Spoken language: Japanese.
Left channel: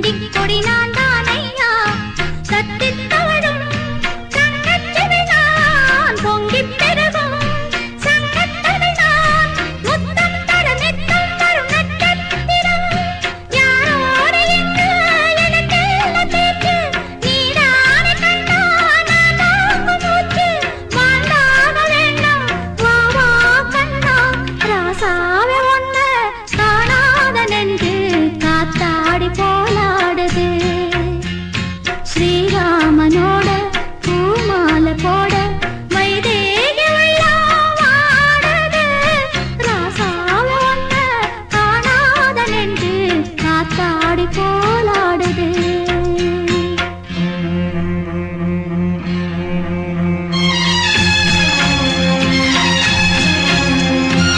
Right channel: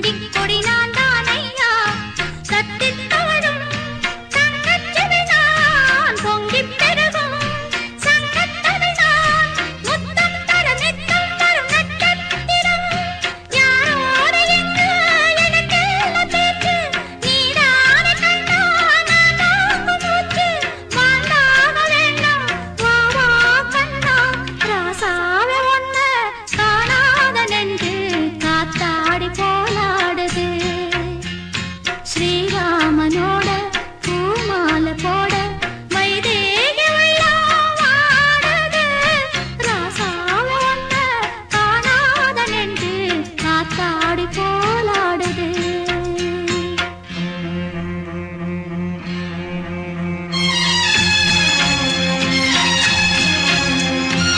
りりなんだ」